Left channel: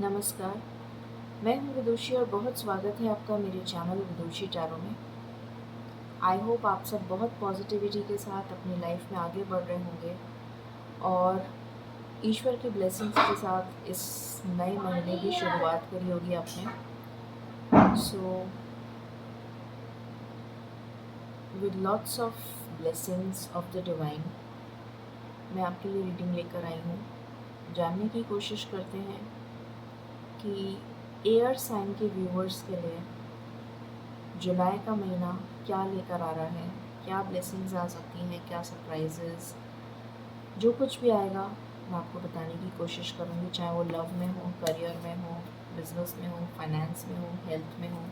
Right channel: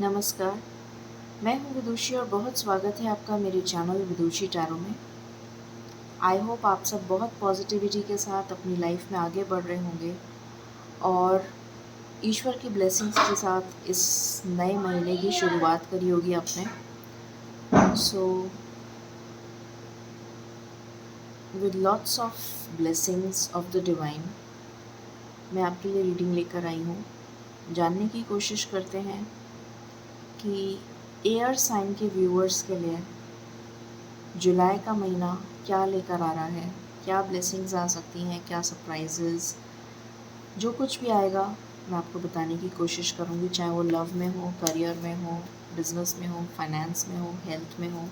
नमस्कार, मैं हूँ विदुषी और बहुत स्वागत है आपका मेरे चैनल विदुषी टैरो में। आई होप आप सब बहुत पॉजिटिविटी के साथ अपनी लाइफ में आगे बढ़ रहे होंगे और ईश्वर की ब्लेसिंग्स के साथ इस नए महीने की शुरुआत करी होगी आपने। So with lots of blessings of the divine मैं आपके लिए रीडिंग लेकर आई हूँ। जानने की कोशिश करते हैं कि एयर साइन के व्यूअर्स के लिए जुलाई का महीना क्या लेकर आ रहा है, क्या ब्लेसिंग्स आ सकती हैं, क्या सरप्राइजेस, जो कुछ भी आएगा मैं आपको बताने की कोशिश करूँगी, चाहे वो लव में हो, करियर में हो, बिजनेस में हो, फाइनेंस में हो, हेल्थ में हो।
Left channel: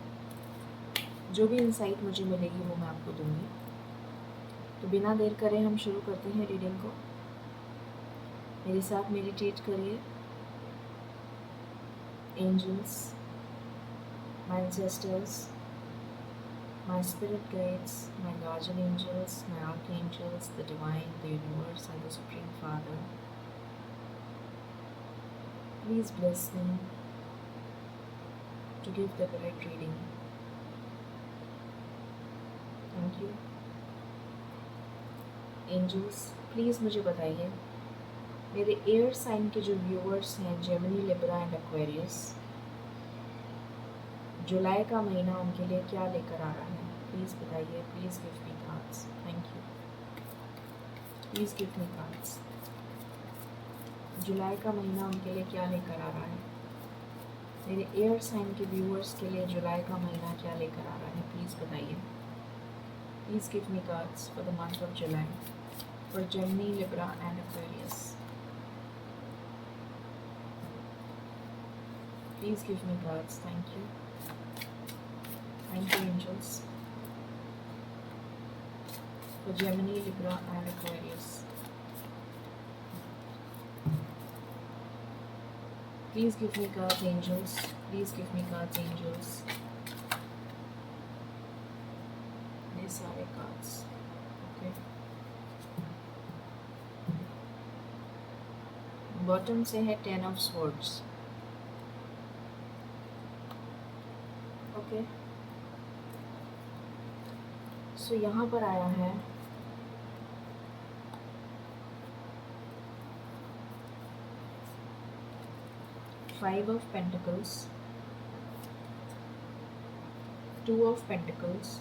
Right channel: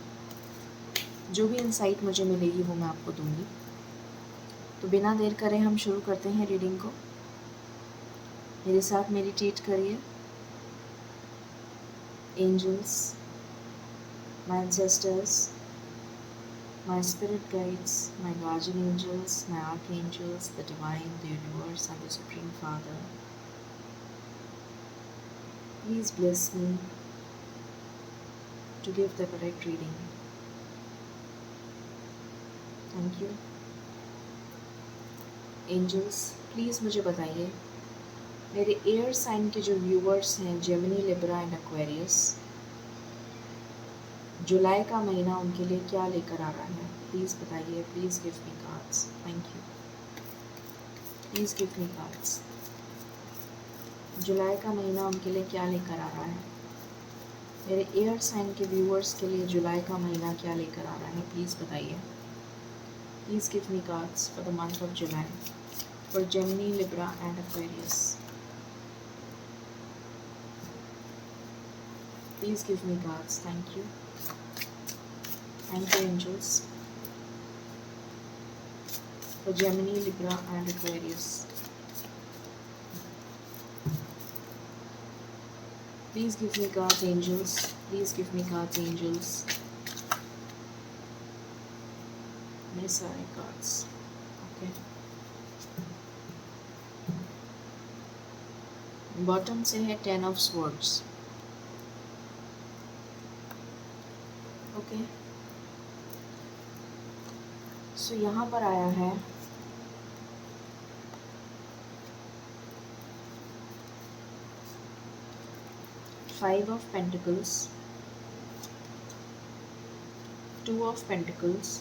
जो भी इंसाइट मुझे मिलेगी वो मैं आपको दूँगी। तो बिना देर करें हम शुरू करते हैं रीडिंग को। मेरे साथ मेडिटेट करिए। Angels, my ancestors, my spirit guides, my guardian angels, my archangels, the divine, the universe, and the Supreme Father, please bless me to give the correct reading. Thank you. Angels, please मुझे बताइए मेरे air sign के जो viewers हैं, Gemini, Libra and Aquarius, जुलाई का महीना उनके लिए क्या लेकर आ रहा है। प्लीज़ बताइए। Please give me cards. Thank you. Please give me cards. जुलाई का महीना उनके लिए क्या लेकर आ रहा है। मेरे एयर साइन के व्यूअर्स के लिए जुलाई का महीना क्या लेकर आ रहा है, प्लीज़ बताइए। Please give me cards for the month of July for Gemini, Libra and Aquarius. Please give me cards. Thank you. Thank you angels for Gemini, Libra and Aquarius. Please give me cards, angels. Please give me cards, angels. मेरे सारे cards. Okay. Bottom से है Ten of Swords. Okay. So यहाँ पर आया है Five of Pentacles, Two of Pentacles,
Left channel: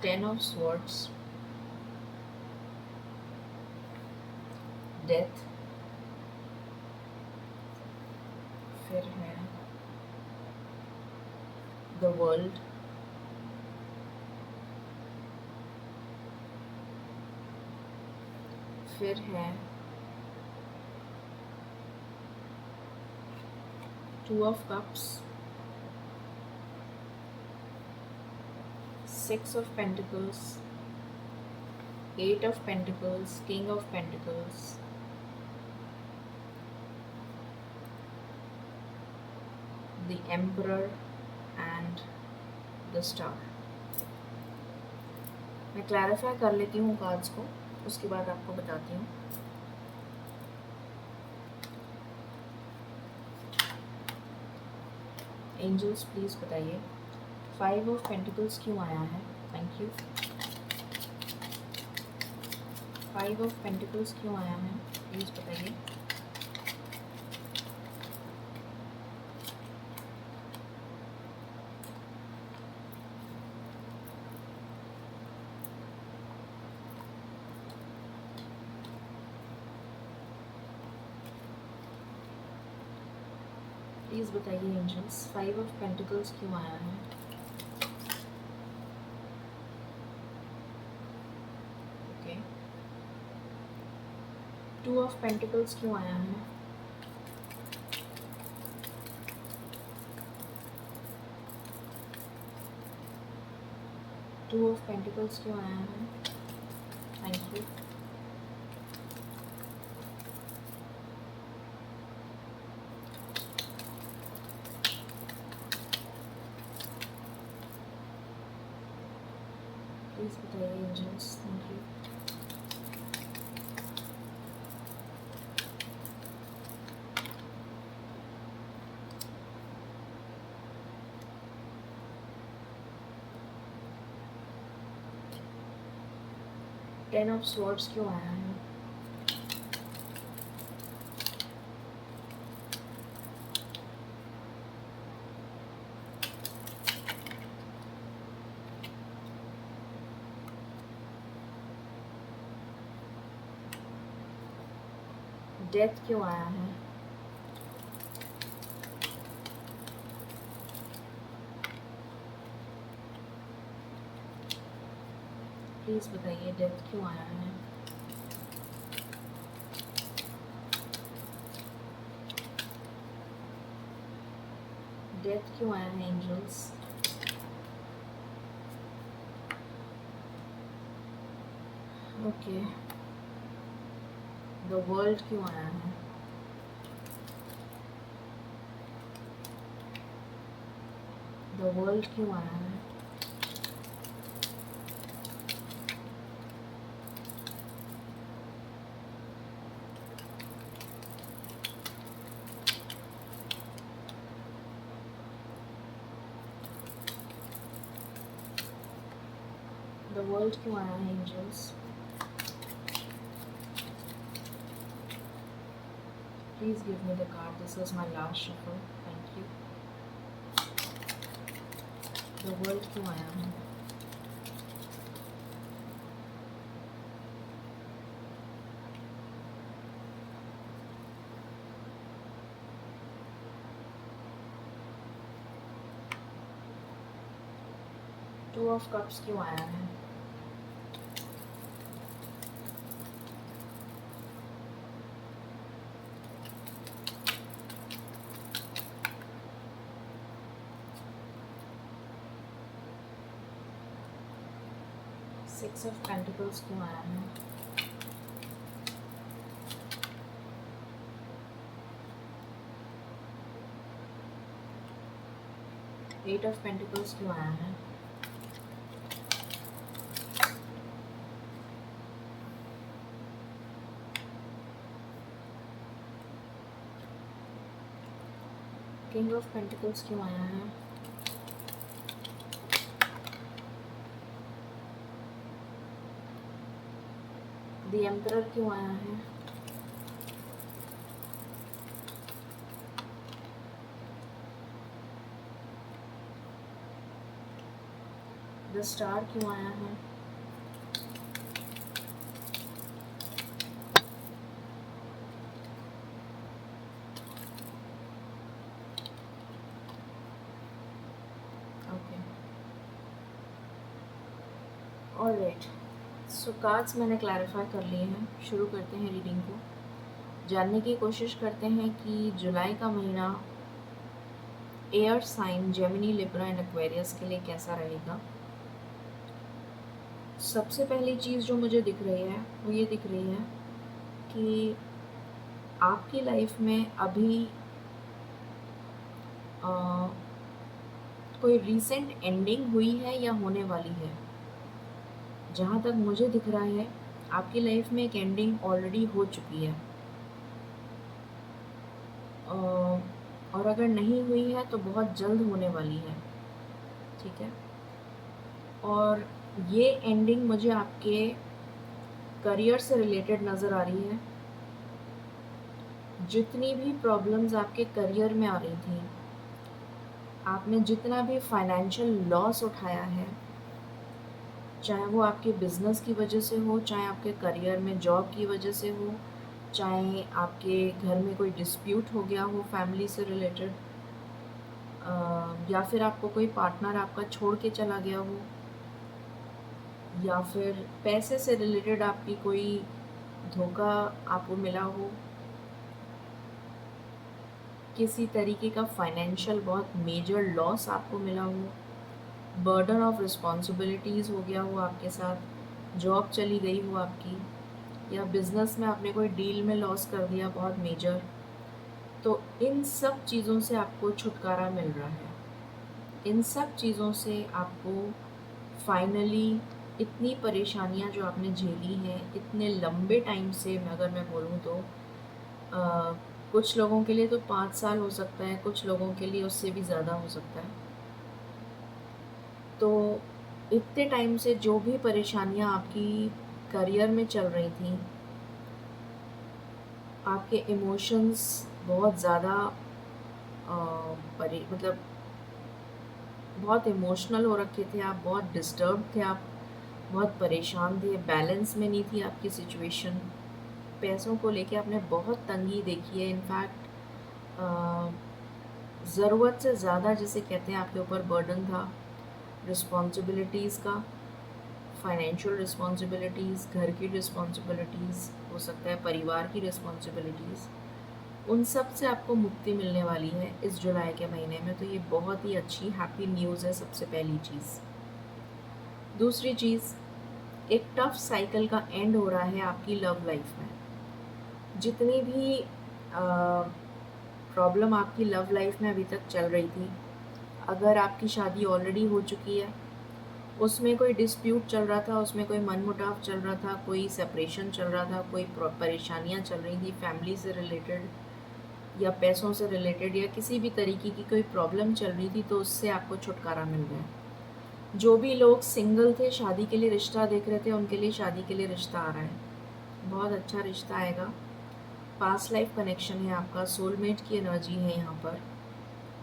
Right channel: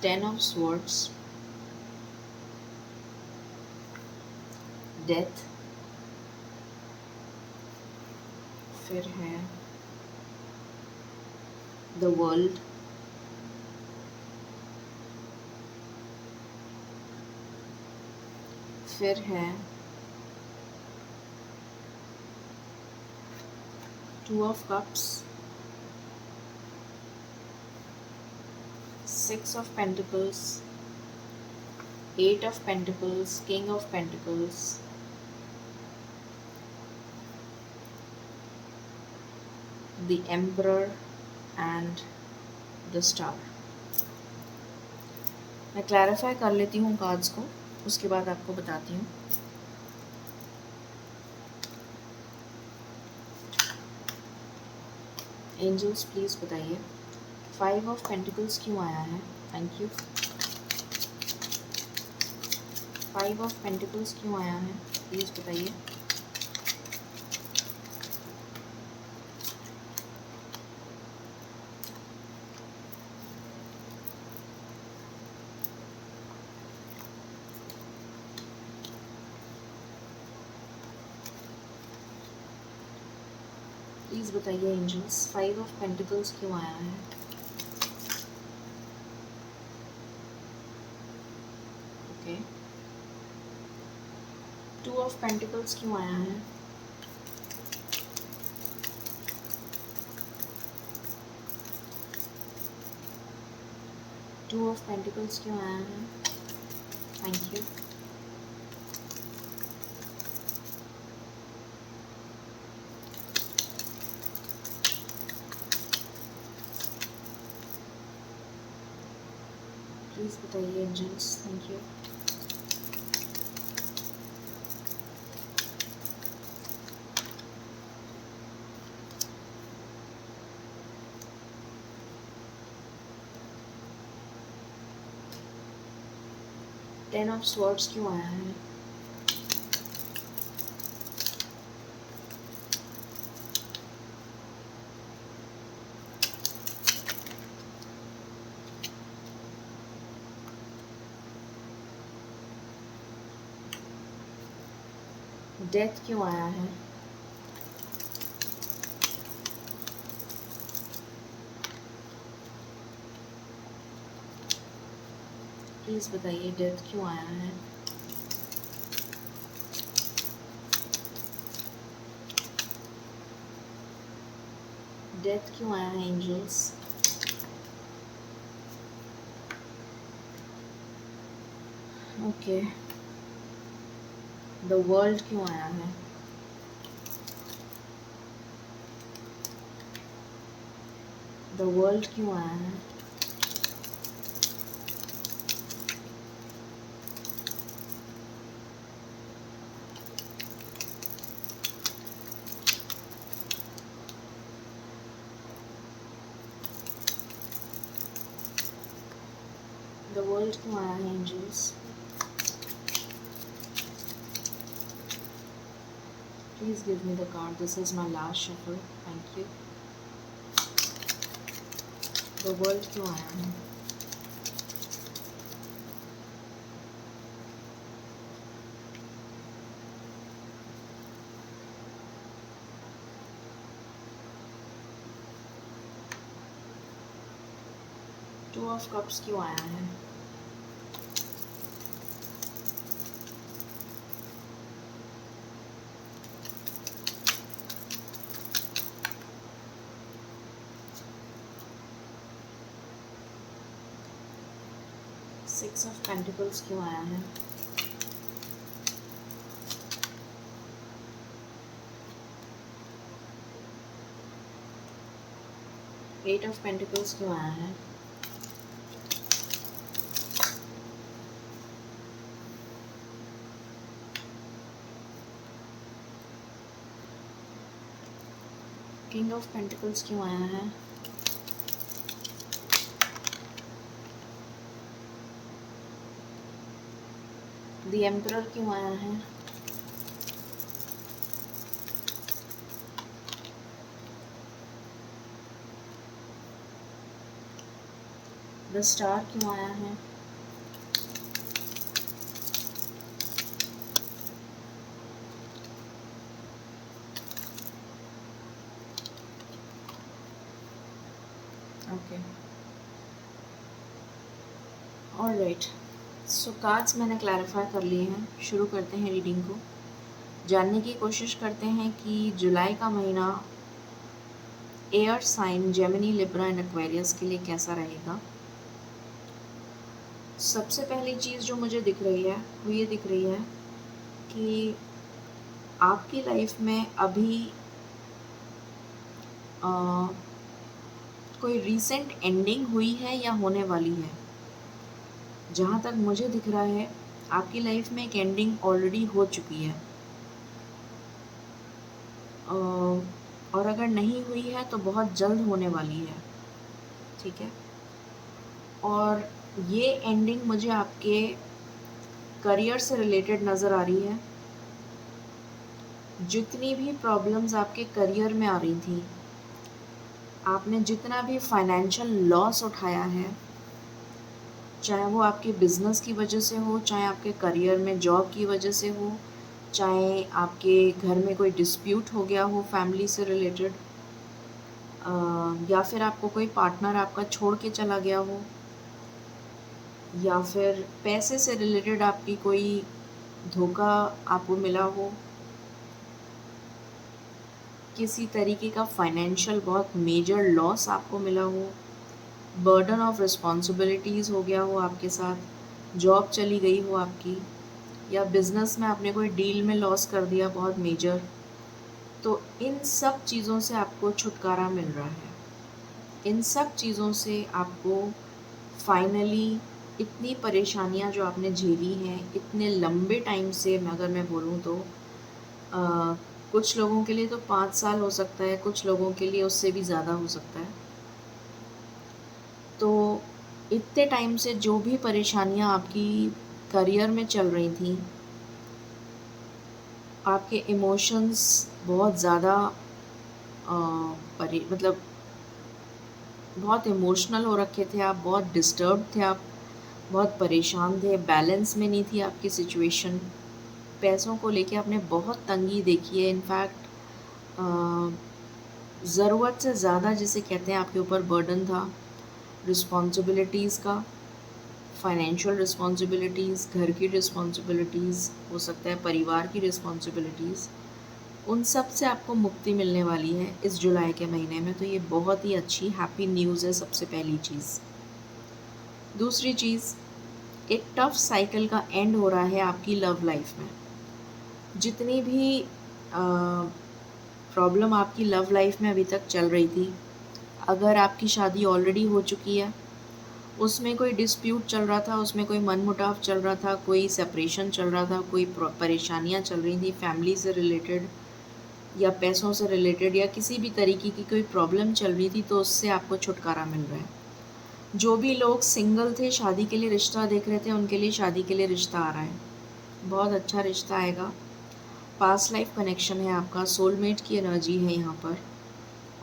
Ten of Swords, Death, फिर है The World, फिर है Two of Cups, Six of Pentacles, Eight of Pentacles, King of Pentacles, the Emperor and the Star. मैं clarify कर लेती हूँ कार्ड्स को, उसके बाद आपको बताती हूँ। एंजल्स प्लीज़ बताइए फाइव ऑफ पेंटिकल्स क्यों आया है। Thank you. Five of pentacles क्यों आया है, प्लीज़ बताइए। प्लीज़ बताइए एंजल्स फाइव ऑफ पेंटिकल्स क्यों आया है। ओके। टू ऑफ पेंटिकल्स क्यों आया है। टू ऑफ पेंटिकल्स क्यों आया है। Thank you. प्लीज़ बताइए angels. Thank you. Ten of swords क्यों आया है? डेथ क्यों आया है? प्लीज़ बताइए डेथ क्यों आया है? डेथ क्यों आया है एंजल्स? ओके। द वर्ल्ड क्यों आया है? द वर्ल्ड क्यों आया है? द वर्ल्ड क्यों आया है angels? Please give me the card. This is my last shuffle. Thank you. The world क्यों आया है? टू ऑफ कप्स क्यों आया है? सिक्स ऑफ पेंटिकल्स क्यों आया है? एट ऑफ पेंटिकल्स क्यों आया है? किंग ऑफ पेंटिकल्स क्यों आया है? द एम्परर क्यों आया है? द स्टार क्यों आया है? Okay, alright. सो कार्ड्स मैंने क्लैरिफाई कर लिए हैं। शुरू करते हैं रीडिंग को। जानने की कोशिश करते हैं कि जुलाई का महीना air sign Gemini, Libra and Aquarius के लिए कैसा रहेगा। सबसे पहली चीज़ जो मुझे दिख रही है वो ये दिख रही है कि आपकी लाइफ में अभी कोई रीसेंट एंडिंग हुई है या होने वाली है। जहाँ तक मुझे दिख रहा है आपकी लाइफ में एक एंडिंग ऑलरेडी हो चुकी है, और अगर नहीं हुई है तो बहुत जल्द होने वाली है। ठीक है, और ये एंडिंग मुझे आपके करियर से रिलेटेड नज़र आ रही है। जितनी भी प्रॉब्लम्स आपके करियर में आ रही थी, आपने जितना भी फाइनेंशियल लॉस उठाया है, चाहे वो आपके बिजनेस की वजह से हो, चाहे आपके करियर में जॉब की वजह से हो, चाहे आपके घर में कोई डिस्प्यूट हो गया हो फैमिली से रिलेटेड, या फिर आपको कोई पार्टनर आपका छोड़ के चला गया हो, या फिर पैसे से रिलेटेड आपकी कोई धोखा आपको मिला हो, किसी तरीके का फाइनेंशियल बहुत मेजर लॉस आपको मिला हो, बर्डन ऑफ रिस्पॉन्सिबिलिटीज़ हो गया हो आपके साथ, जॉब चली गई हो आपकी, या बिज़नेस में आपने कोई डील में लॉस कर दिया बहुत मेजर, तो इन सब चीज़ों से आपको छुटकारा मिल रहा है। इन सब चीज़ों से आपको फाइनली इतनी परेशानियां जो आपने झेली हैं इतने लंबे टाइम से, अगर मैं बोलूँ तो कुछ लोगों के लिए तो 5 साल हो सकता है, कुछ लोगों के लिए उससे भी ज़्यादा हो सकता है। तो इतने टाइम से जो भी परेशानियां आपकी करियर में चल रही थी, आपके इमोशंस बहुत ज़्यादा मतलब बहुत इमोशनल हो रखे थे आप, बहुत डिस्टर्ब थे आप, बहुत परेशान थे, बैलेंस में नहीं थी आपकी सिचुएशन। पैसों को लेके आपने बहुत तंगी देखी है। इनफैक्ट ज़रूरत से ज़्यादा जिसे कहते हैं आपके ऊपर बर्डन था, रिस्पॉन्सिबिलिटीज़ का, फाइनेंशियल रिस्पॉन्सिबिलिटीज़, घर की रिस्पॉन्सिबिलिटीज़, हो सकता है परिवार की रिस्पॉन्सिबिलिटीज़, उन सब से आपको मुक्ति मिलने वाली है इस जुलाई के महीने में। तो ये बहुत ही अच्छी हैप्पी न्यूज़ है सबसे पहली चीज़। दूसरी चीज़, एक टफ साइकिल का एंड हो रहा है आपकी लव लाइफ में। जितनी भी प्रॉब्लम आपकी लव लाइफ में अभी तक चल रही थी, अगर आपकी शादी ऑलरेडी हो चुकी है, उसमें कोई डिस्प्यूट चल रहा था, उसमें कोई मनमुटाव चल रहा था, कोई सेपरेशन चल रहा था, कोई परेशानियां चल रही थी फैमिली से रिलेटेड या पैसों से रिलेटेड या किसी भी तरीके की कोई प्रॉब्लम चल रही थी, तो उससे आपको छुटकारा मिल रहा है। जो भी लोग सिंगल थे, शादी के लिए रिश्ता देख रहे थे, उनके लिए शादी के लिए रिश्ता आ रहा है। बहुत अच्छा रिश्ता आएगा। पास्ट लाइफ कनेक्शन है आपका, सोलमेट की एनर्जी है यहाँ पर,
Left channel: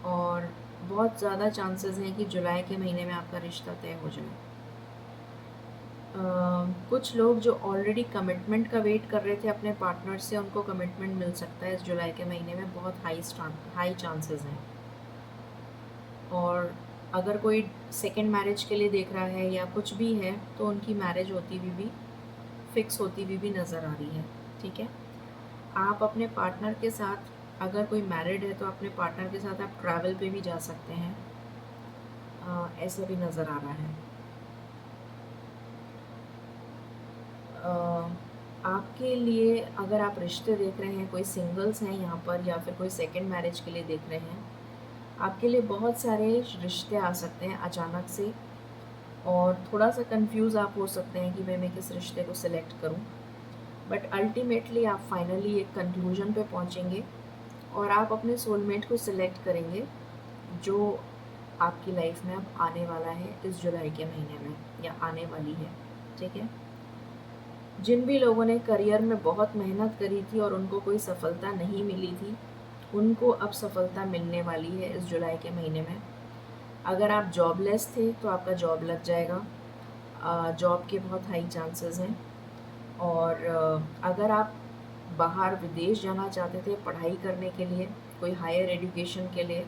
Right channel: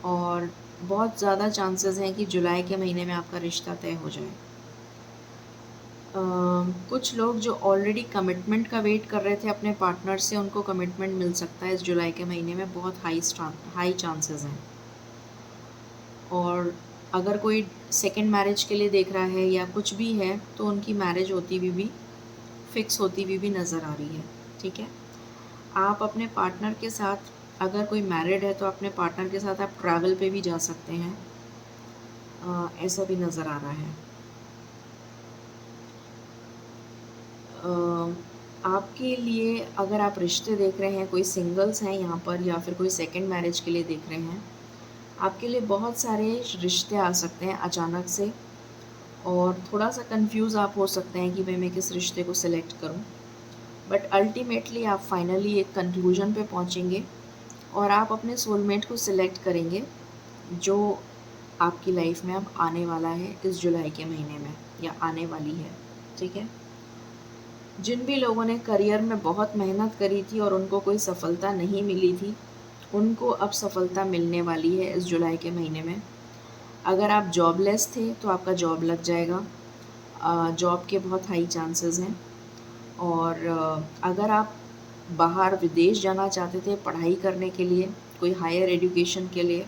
और बहुत ज़्यादा चांसेस हैं कि जुलाई के महीने में आपका रिश्ता तय हो जाए। कुछ लोग जो ऑलरेडी कमिटमेंट का वेट कर रहे थे अपने पार्टनर से, उनको कमिटमेंट मिल सकता है इस जुलाई के महीने में, बहुत हाई चांसेस हैं। और अगर कोई सेकंड मैरिज के लिए देख रहा है या कुछ भी है, तो उनकी मैरिज होती हुई भी, फिक्स होती हुई भी नज़र आ रही है। ठीक है, आप अपने पार्टनर के साथ, अगर कोई मैरिड है तो अपने पार्टनर के साथ आप ट्रैवल पे भी जा सकते हैं, ऐसा भी नज़र आ रहा है। आपके लिए अगर आप रिश्ते देख रहे हैं, कोई सिंगल्स हैं यहाँ पर या फिर कोई सेकंड मैरिज के लिए देख रहे हैं, आपके लिए बहुत सारे रिश्ते आ सकते हैं अचानक से, और थोड़ा सा कंफ्यूज आप हो सकते हैं कि मैं किस रिश्ते को सिलेक्ट करूं। बट अल्टीमेटली आप फाइनली एक कंक्लूजन पे पहुंचेंगे और आप अपने सोलमेट को सिलेक्ट करेंगे, जो आपकी लाइफ में अब आने वाला है इस जुलाई के महीने में, या आने वाली है। ठीक है, जिन भी लोगों ने करियर में बहुत मेहनत करी थी और उनको कोई सफलता नहीं मिली थी, उनको अब सफलता मिलने वाली है इस जुलाई के महीने में। अगर आप जॉबलेस थे तो आपका जॉब लग जाएगा, जॉब के बहुत हाई चांसेस हैं। और अगर आप बाहर विदेश जाना चाहते थे पढ़ाई करने के लिए, कोई हायर एजुकेशन के लिए,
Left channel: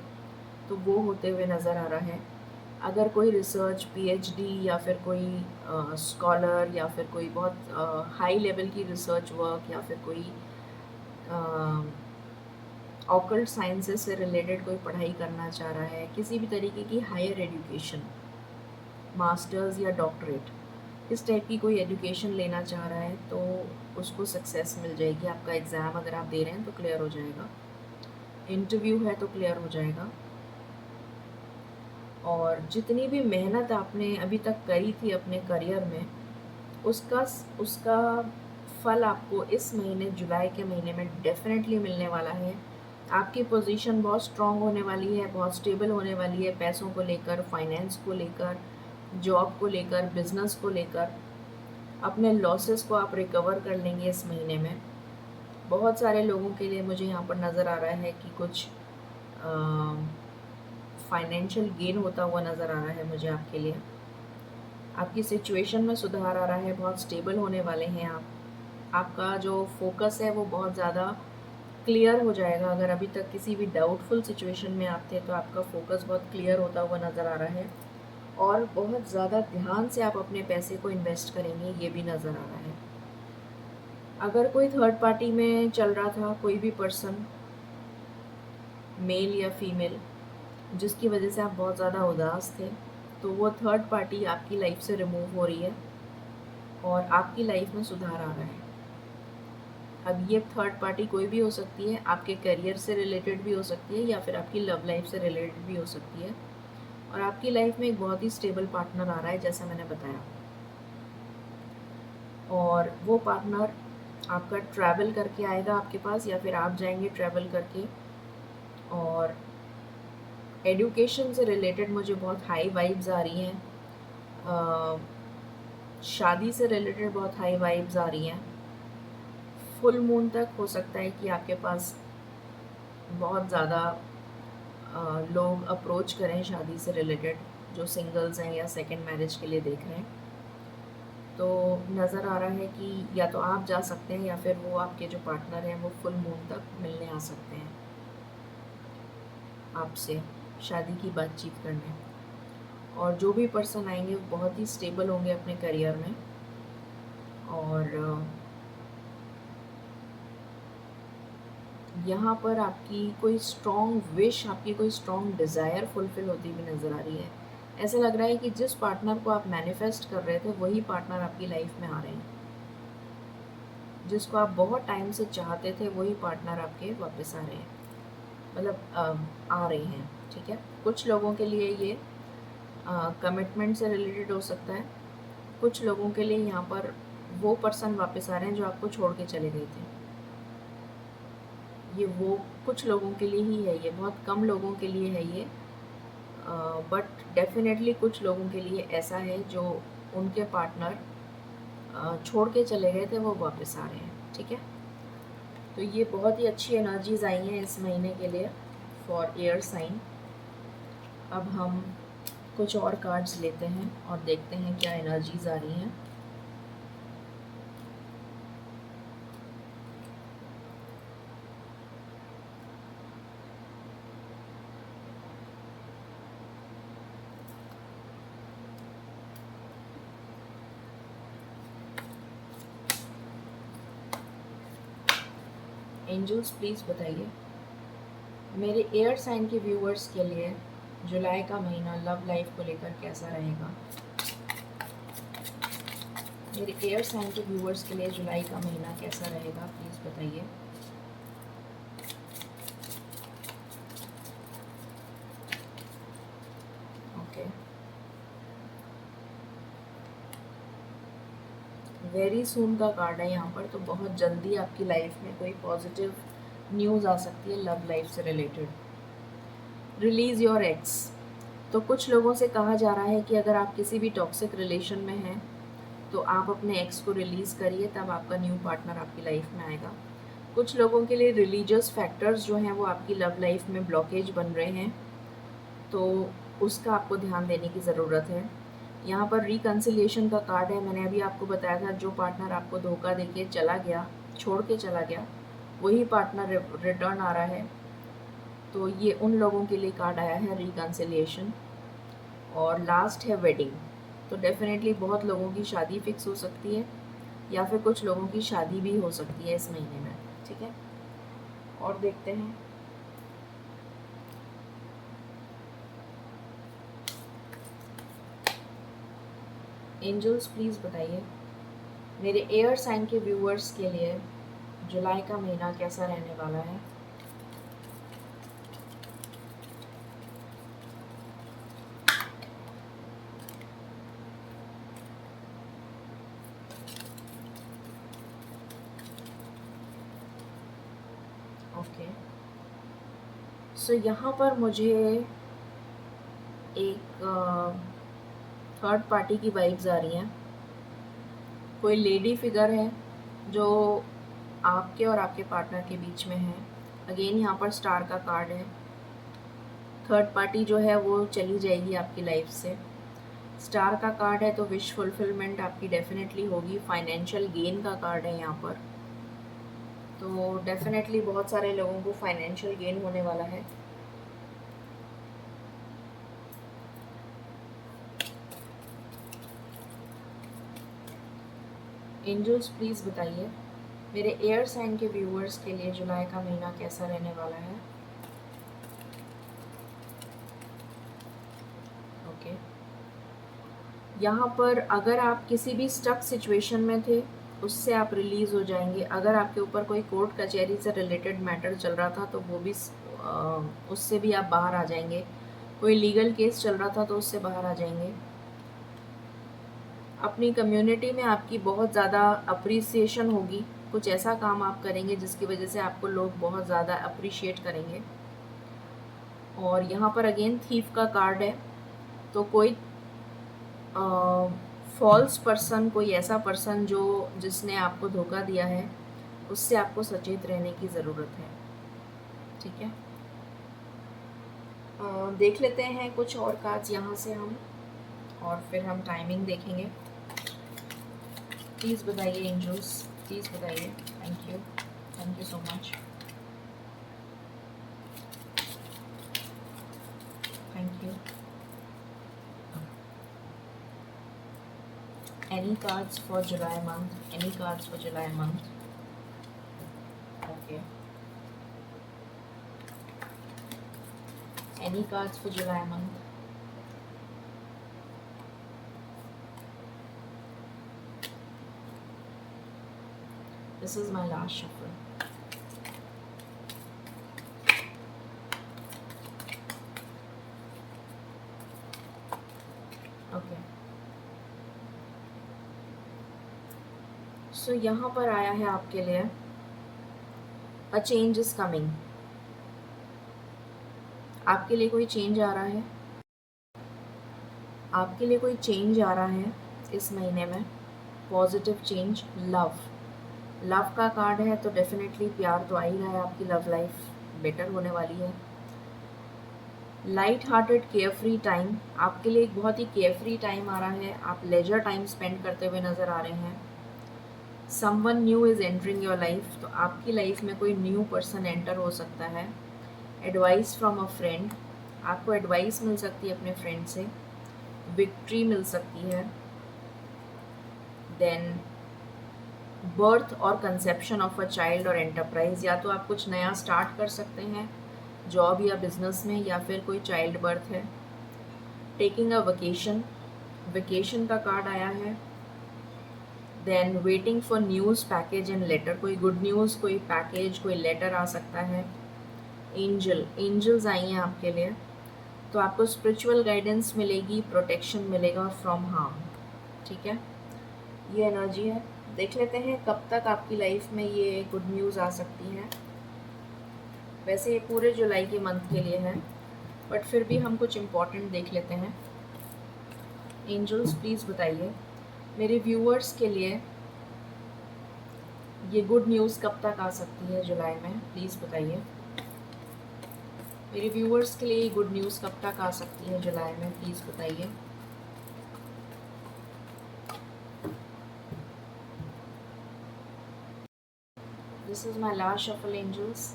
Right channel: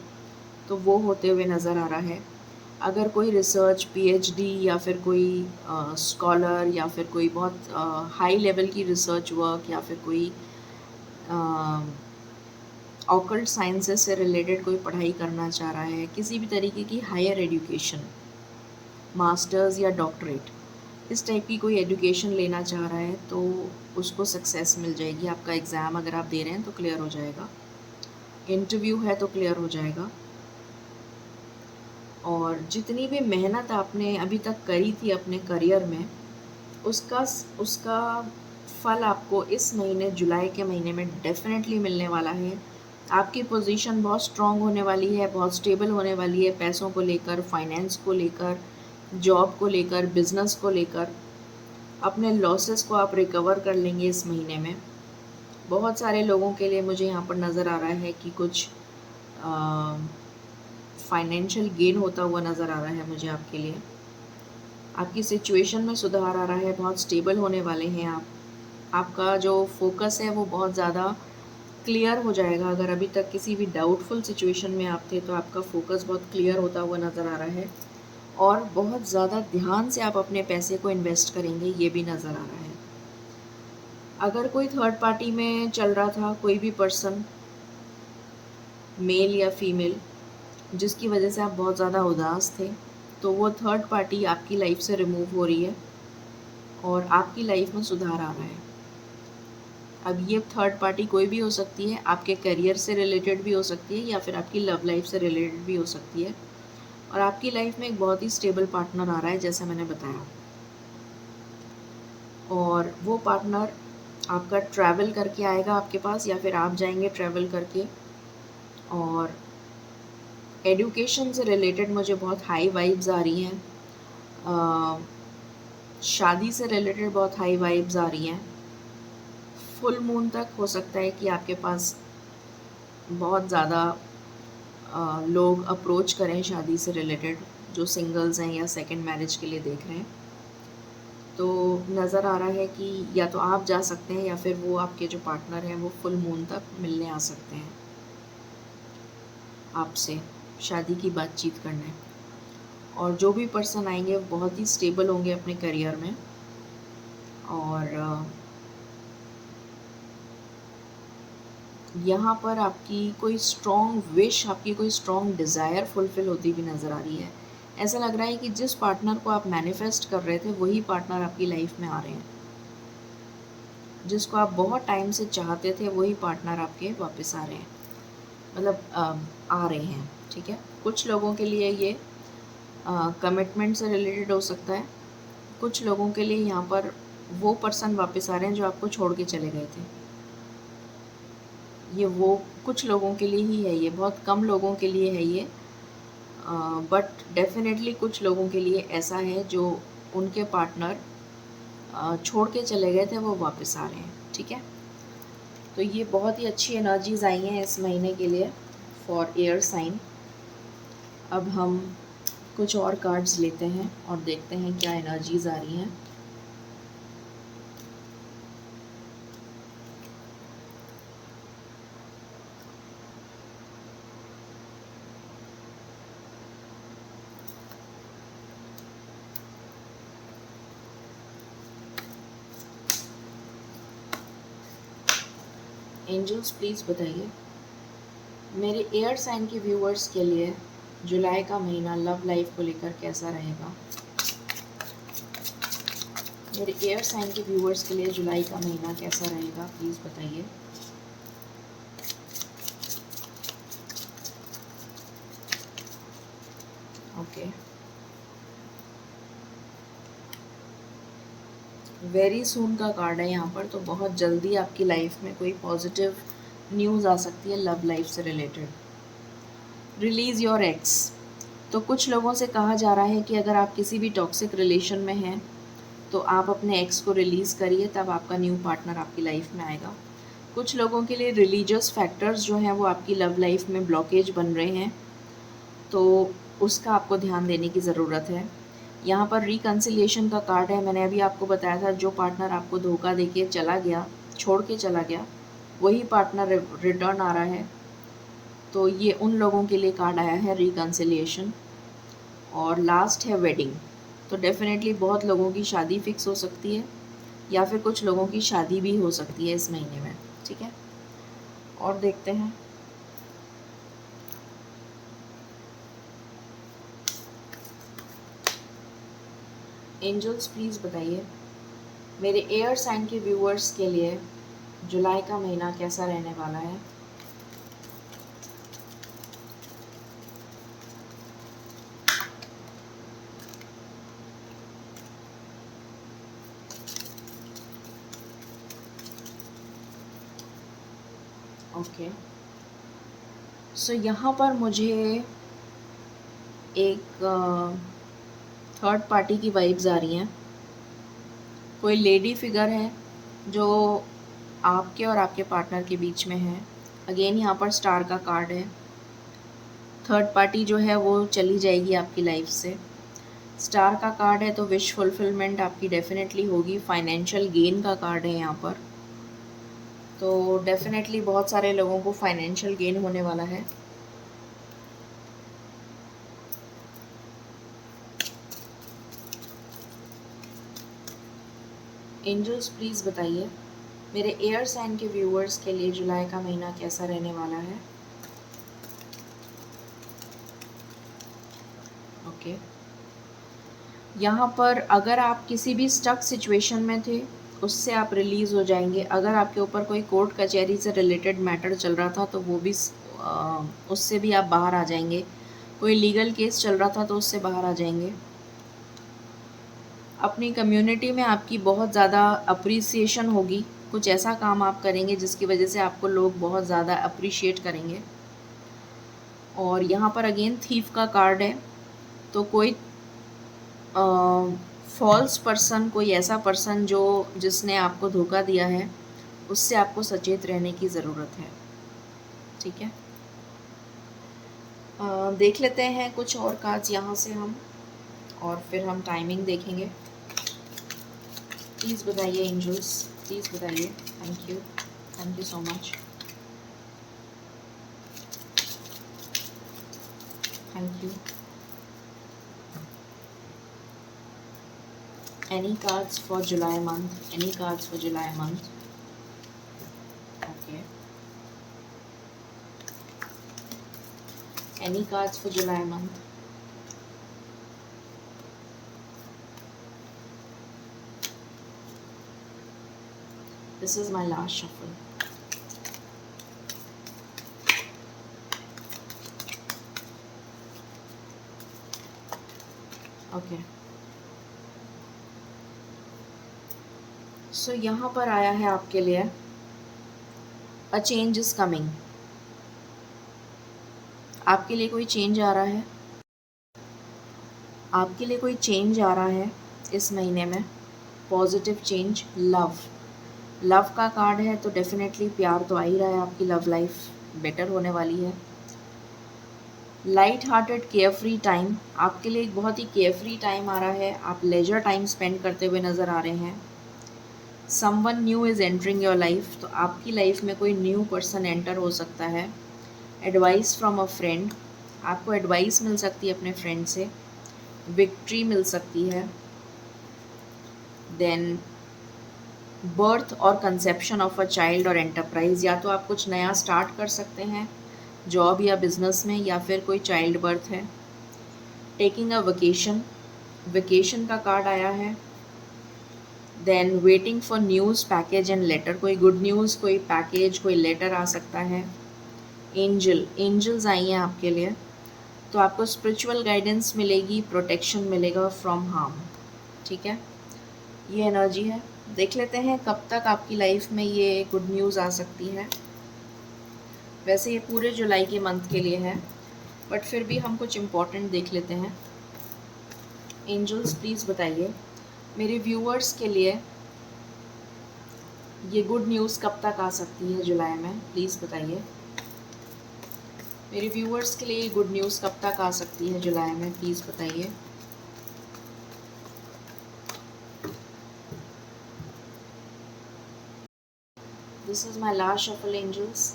तो वो होते हुए नज़र आ रहा है। अगर कोई रिसर्च, पीएचडी या फिर कोई स्कॉलर या फिर कोई बहुत हाई लेवल की रिसर्च वर्क या फिर कोई ऑकल्ट साइंसेस से रिलेटेड कोई पढ़ाई करना चाह रहा है, किसी भी तरीके की हायर एजुकेशन, मास्टर्स या डॉक्टरेट, इस टाइप की कोई एजुकेशन लेना चाह रहा है, तो उसको सक्सेस मिल जाएगी। आपका एग्ज़ाम अगर आप दे रहे हैं तो क्लियर हो जाएगा, इंटरव्यू है तो क्लियर हो जाएगा। और जितनी भी मेहनत आपने अभी तक करी थी अपने करियर में, उसका उसका फल आपको इस महीने, जुलाई के महीने में डेफिनेटली मिलने वाला है। आपकी पोजीशन बहुत स्ट्रांग होने वाली है, बहुत स्टेबल होने वाली है, पैसों को लेकर, फाइनेंस को लेकर, जॉब को लेकर, बिजनेस को लेकर। अपने लॉसेस को आप रिकवर कर लेंगे इस महीने में। बहुत सारे लोगों के लिए मुझे यहाँ पर नज़र आ रहा है कि कुछ फाइनेंशियल गेन होता हुआ नज़र आ रहा है मुझे आपके लिए। आपकी सिचुएशन में सुधार आ रहा है, बहुत स्टेबल होने वाले हैं आप। आपका जो फोकस है वो बहुत ज़्यादा क्लियर हो जाएगा। अगर अभी तक किसी भी डाउटफुल सिचुएशन में आप थे, तो आपका फोकस बहुत क्लियर होता हुआ नज़र आ रहा है, और बहुत ज़्यादा ध्यान से आप अपने पैसे को इन्वेस्ट करेंगे, ये भी नज़र आ रहा है। अगर कोई थर्ड पार्टी में चल रहा था, कोई भी पर्सन, मेल या फीमेल, जिसकी वजह से आप बहुत ज़्यादा उदास थे, तो वो थर्ड पार्टी आपकी लाइफ से रिमूव हो रही है और आपकी लाइफ में सुधार आ रहा है। अब ये थर्ड पार्टी कोई भी हो सकती है, आपके करियर से रिलेटेड भी हो सकती है या फिर आपकी लव लाइफ से रिलेटेड भी हो सकती है, और आपकी लाइफ में एक बहुत ही स्टेबल पार्टनर आ रहा है, जैसे मैंने बताया। और वो पार्टनर आपका ट्रैवल करके आएगा आपके पास या फिर आप जाएंगे ट्रैवल करके। और एडुकेशन से रिलेटेड मुझे बहुत हाई वाइब्स आ रही हैं। शादी से रिलेटेड बहुत हाई वाइब्स आ रही हैं। फुल मून तक हो सकता है कि आपके पास बहुत ज़्यादा लोग अप्रोच करें शादी से रिलेटेड, जो सिंगल्स हैं या सेकंड मैरिज के लिए देख रहे हैं। तो नज़र आ रहा है कि या तो आप जा सकते हैं या फिर वो आपके जो पार्टनर हैं वो फुल मून तक मिलने आ सकते हैं आपसे, शादी की बातचीत करने। और जो भी पर्सन आएंगे वो बहुत ही स्टेबल होंगे अपने करियर में। और यहाँ पर आपकी कोई स्ट्रॉन्ग विश, आपकी कोई स्ट्रॉन्ग डिज़ायर फुलफ़िल होती भी नज़र आ रही है। ऐसा लग रहा है कि जिस पार्टनर को आप मैनिफेस्ट कर रहे थे वही पार्टनर आपकी लाइफ में आ रहे हैं। जिसको आप बहुत टाइम से चाहते थे वही पार्टनर आपके वापस आ रहे हैं, मतलब आ रहे हैं। ठीक है, कुछ लोगों के लिए ये कमिटमेंट से रिलेटेड हो सकता है। कुछ लोगों के लिए यहाँ पर वो पर्सन वापस आ रहे हैं जो आपको छोड़ के चले गए थे। ये वो कुछ लोगों के लिए ही है, ये बहुत कम लोगों के लिए है ये। बट डेफिनेटली कुछ लोगों के लिए ऐसा है जो उनके पार्टनर छोड़ के चले गए थे वो वापस आ रहे हैं। ठीक है, तो ये बहुत ही अच्छी एनर्जीज आई हैं इस महीने के लिए फॉर एयर साइन। अब हम कुछ और कार्ड्स लेते हैं और देखते हैं क्या एनर्जीज आ रही हैं। एंजल्स प्लीज़ बताइए मेरे एयर साइन के व्यूअर्स के लिए जुलाई का महीना लव लाइफ को लेकर कैसा रहेगा। मेरे एयर साइन के व्यूअर्स के लिए जुलाई का महीना कैसा रहेगा, प्लीज़ बताइए। ओके, वेरी सून का कार्ड है यहाँ पर, तो बहुत जल्दी आपकी लाइफ में कोई पॉजिटिव न्यूज़ आ सकती है लव लाइफ से रिलेटेड। रिलीज़ योर एक्स, तो कुछ लोगों से कहा जा रहा है कि अगर आप किसी भी टॉक्सिक रिलेशन में हैं तो आप अपने एक्स को रिलीज़ करिए, तब आपका न्यू पार्टनर आपकी लाइफ में आएगा। कुछ लोगों के लिए रिलीजियस फैक्टर्स जो हैं वो आपकी लव लाइफ में ब्लॉकेज बन रहे हैं, तो उसका आपको ध्यान देने की ज़रूरत है। यहाँ पर रिकन्सिलिएशन का कार्ड है। मैंने अभी आपको बताया था जो पार्टनर आपको धोखा देके चला गया, छोड़ के चला गया, वही पार्टनर रिटर्न आ रहा है। तो ये उन लोगों के लिए कार्ड आया है रिकन्सिलिएशन। और लास्ट है वेडिंग, तो डेफिनेटली बहुत लोगों की शादी फिक्स हो सकती है या फिर कुछ लोगों की शादी भी हो सकती है इस महीने में। ठीक है, और देखते हैं। एंजल्स प्लीज़ बताइए मेरे एयर साइन के व्यूअर्स के लिए जुलाई का महीना कैसा रहने वाला है। ओके, सो यहाँ पर मुझे एक थर्ड पार्टी की वाइब्स आ रही हैं। कोई लेडी फिगर है जो आपके और आपके पार्टनर के बीच में है। अगेन यहाँ पर स्टार का कार्ड है। थर्ड पार्टी जो है वो चली जाएगी आपकी लाइफ से। स्टार का कार्ड है तो विश फुलफिलमेंट आपकी डेफिनेटली होगी। फाइनेंशियल गेन का कार्ड है यहाँ पर, तो डेफिनेटली बहुत सारे लोगों को फाइनेंशियल गेन होने वाला है। एंजल्स प्लीज़ बताइए मेरे एयर साइन के व्यूअर्स के लिए जुलाई का महीना कैसा रहने वाला है। ओके, यहाँ पर अगर आप किसी भी स्टक सिचुएशन में थे उससे आप रिलीज़ हो जाएंगे। अगर आपके ऊपर कोई कोर्ट कचहरी से रिलेटेड मैटर चल रहा था तो वो भी उससे भी आप बाहर आ जाएंगे। कोई लीगल केस चल रहा था तो उससे बाहर आ जाएंगे। अपनी कम्युनिटी में आपकी बहुत ज़्यादा अप्रिसिएशन होगी। कुछ ऐसा काम आप करेंगे जिसकी वजह से आपको लोग बहुत ज़्यादा अप्रिशिएट करेंगे। और यहाँ पर अगेन थीफ का कार्ड है, तो कोई फॉल्स पर्सन, कोई ऐसा पर्सन जिसने आपको धोखा दिया है, उससे आपको सचेत रहने की ज़रूरत है। ठीक है, देख लेते हैं कुछ और कार्ड्स यहाँ से हम, और फिर हम टाइमिंग देखेंगे। प्लीज़ बताइए एंजल्स, प्लीज़ बताइए। Thank you so much, thank you. Any cards for July month? Any cards for July month? Okay. Any cards for July month? This is my last shuffle. Okay. So यहाँ पर आया है आपके लिए A change is coming. आपके लिए कोई change आ रहा है, आपके लिए कोई चेंज आ रहा है इस महीने में। पॉजिटिव चेंज, लव का कार्ड है, तो डेफिनेटली प्यार तो आ ही रहा है, आपकी लव लाइफ बेटर होने वाली है। लाइट हार्टेड केयरफ्री टाइम, आपके लिए एक बहुत ही केयरफ्री टाइम आ रहा है। आप लेजर टाइम स्पेंड करते हुए नज़र आ रहे हैं। Someone new is entering your life, तो आपकी लाइफ में कोई न्यू पर्सन एंटर हो सकता है। एडवाइस फ्रॉम अ फ्रेंड, आपको एडवाइस मिल सकती है अपने फ्रेंड से। विक्ट्री मिल सकती है। देन बर्थ और कंसेप्शन ऑफ अ चाइल्ड और एंटरप्राइज, या तो आप कुछ नया स्टार्ट कर सकते हैं जॉब या बिजनेस में, या फिर कोई चाइल्ड बर्थ है। टेकिंग अ वेकेशन का कार्ड आया है। Then waiting for news, package and later, कोई गुड न्यूज़, कोई पैकेज, कोई लेटर आ सकता है। एंजल्स आई हैं आपके लिए, तो आपको स्पिरिचुअल गाइडेंस मिलेगी, प्रोटेक्शन मिलेगा फ्रॉम हार्म। ठीक है, ये एनर्जी है। देख लेते हैं कब तक आपकी लाइफ में ये गुड न्यूज़ आ सकती है। वैसे ये पूरे जुलाई के मंथ के लिए है, बट फिर भी हम कुछ इम्पोर्टेंट देख लेते हैं। एंजल्स प्लीज़ बताइए मेरे व्यूअर्स के लिए ये गुड न्यूज़ कब तक आ सकती है जुलाई में, प्लीज़ बताइए। मेरे व्यूअर्स के लिए ये गुड न्यूज़ कब तक आ सकती है जुलाई में, प्लीज़ बताइए। This is my last shuffle angels.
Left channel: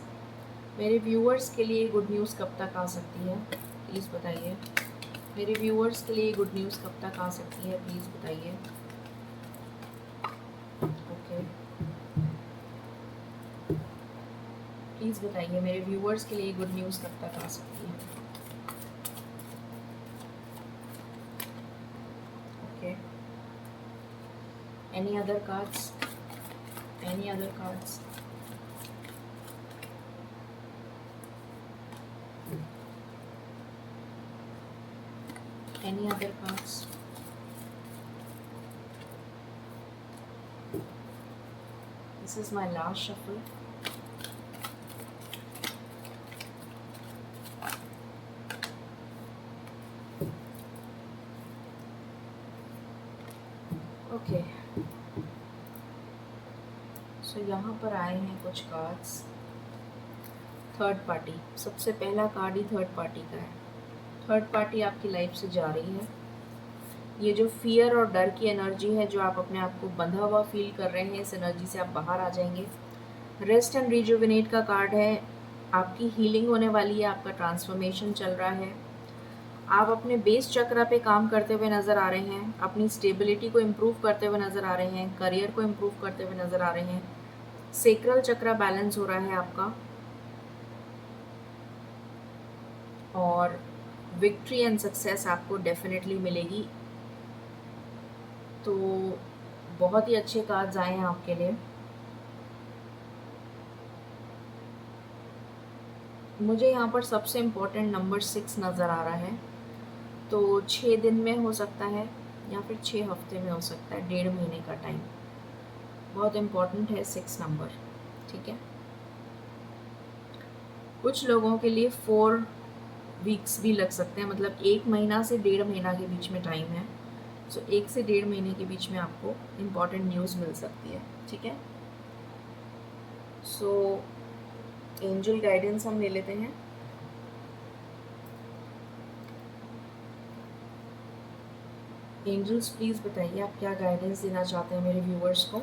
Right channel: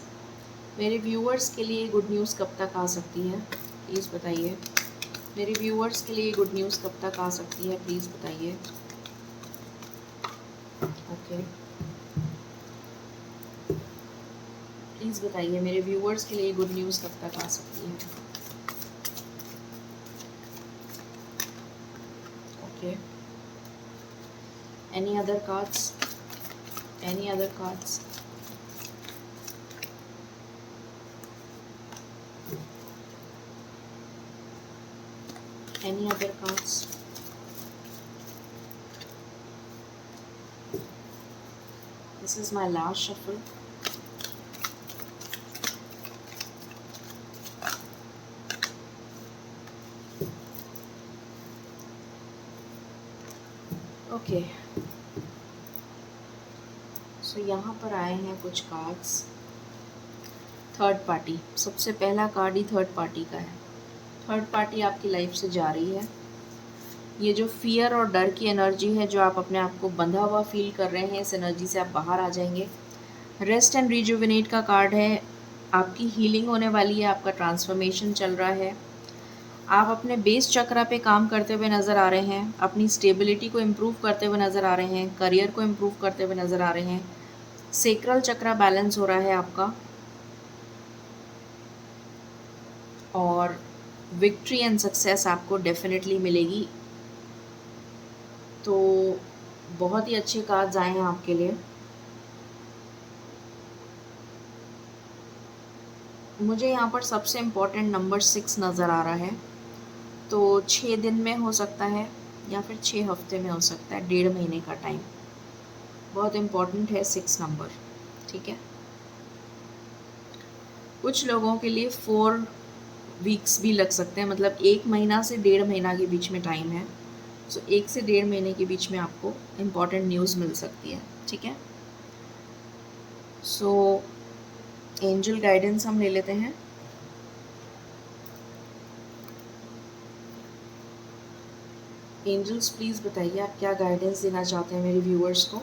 मेरे व्यूअर्स के लिए गुड न्यूज़ कब तक आ सकती है, प्लीज़ बताइए। मेरे व्यूअर्स के लिए गुड न्यूज़ कब तक आ सकती है, प्लीज़ बताइए। ओके, प्लीज़ बताइए मेरे व्यूअर्स के लिए गुड न्यूज़ कब तक आ सकती है। Okay, any other cards, any other cards. Any other cards? This is my last shuffle. Okay. So यहाँ पर आए हैं कुछ कार्ड्स। थर्ड पार्टी, सबसे पहला कार्ड ही थर्ड पार्टी का है। थर्ड पार्टी आपकी लाइफ से जा रही है। ये जो फियर और डर की एनर्जी है, जो आप अपने आप को बंधा हुआ फील कर रहे हैं, इस एनर्जी से आप बाहर आ जाएंगे। रेस्ट एंड रिजुविनेट का कार्ड है, आपकी हीलिंग होने वाली है, आपका ट्रांसफॉर्मेशन चल रहा है। आप अपने बेस चक्रा पे काम करते हुए नज़र आ रहे हैं, अपनी स्टेबिलिटी को इम्प्रूव करते हुए नज़र आ रहे हैं, करियर को इम्प्रूव करते हुए नज़र आ रहे हैं। सेक्रल चक्रा बैलेंस हो रहा है आपका, और विक्ट्री एंड सक्सेस आपको डेफिनेटली मिलेगी। तो बहुत ही अच्छे कार्ड्स आए हैं आपके लिए। मुझे यहाँ पर सबसे इम्पोर्टेंट नंबर 6 नज़र आ रहा है, तो 6 दिन में हो सकता है, या फिर 6 हफ्ते में हो सकता है, 1.5 महीने का टाइम। बहुत इम्पॉर्टेंट है 6 नंबर, ठीक है। कुछ लोगों के लिए 4 वीक्स भी लग सकते हैं, मतलब 1 महीना से 1.5 महीना के बीच में टाइम है। सो 1 से 1.5 महीने के बीच में आपको इम्पॉर्टेंट न्यूज़ मिल सकती है, ठीक है। सो एंजल गाइडेंस हम ले लेते हैं। एंजल्स प्लीज़ बताइए आप क्या गाइडेंस देना चाहते हैं मेरे व्यूअर्स को,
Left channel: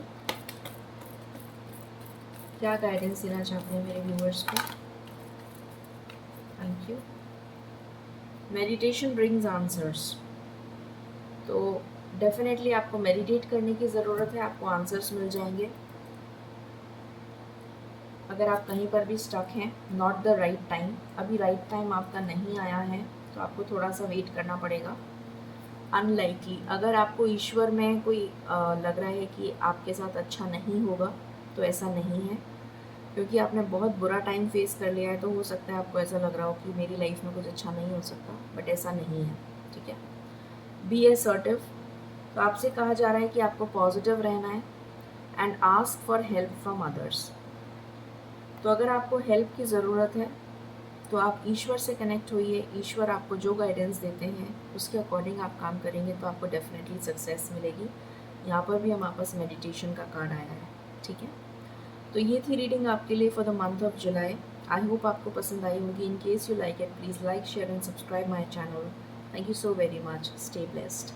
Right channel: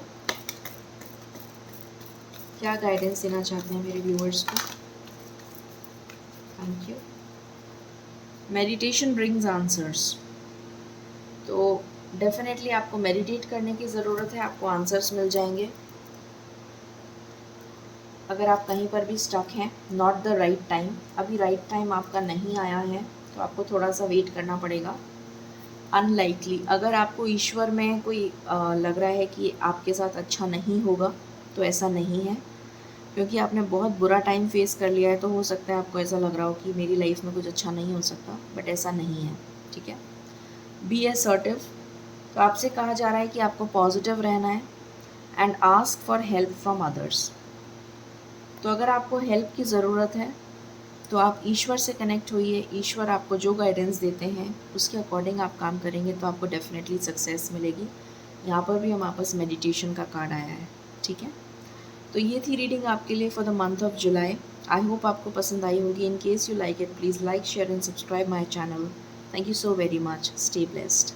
क्या गाइडेंस देना चाहते हैं मेरे व्यूअर्स को। Thank you. Meditation brings answers, तो डेफिनेटली आपको मेडिटेट करने की ज़रूरत है, आपको आंसर्स मिल जाएंगे। अगर आप कहीं पर भी स्टक हैं, नॉट द राइट टाइम, अभी राइट टाइम आपका नहीं आया है, तो आपको थोड़ा सा वेट करना पड़ेगा। अनलाइकली, अगर आपको ईश्वर में कोई लग रहा है कि आपके साथ अच्छा नहीं होगा, तो ऐसा नहीं है, क्योंकि आपने बहुत बुरा टाइम फेस कर लिया है। तो हो सकता है आपको ऐसा लग रहा हो कि मेरी लाइफ में कुछ अच्छा नहीं हो सकता, बट ऐसा नहीं है, ठीक है। बी असर्टिव, तो आपसे कहा जा रहा है कि आपको पॉजिटिव रहना है and ask for help from others. तो अगर आपको हेल्प की ज़रूरत है तो आप ईश्वर से कनेक्ट होइए, ईश्वर आपको जो गाइडेंस देते हैं उसके अकॉर्डिंग आप काम करेंगे तो आपको डेफिनेटली सक्सेस मिलेगी। यहाँ पर भी हमारे पास मेडिटेशन का कार्ड आया है, ठीक है। तो ये थी रीडिंग आपके लिए for the month of July. I hope आपको पसंद आई होगी। In case you like it, please like, share and subscribe my channel. Thank you so very much. Stay blessed.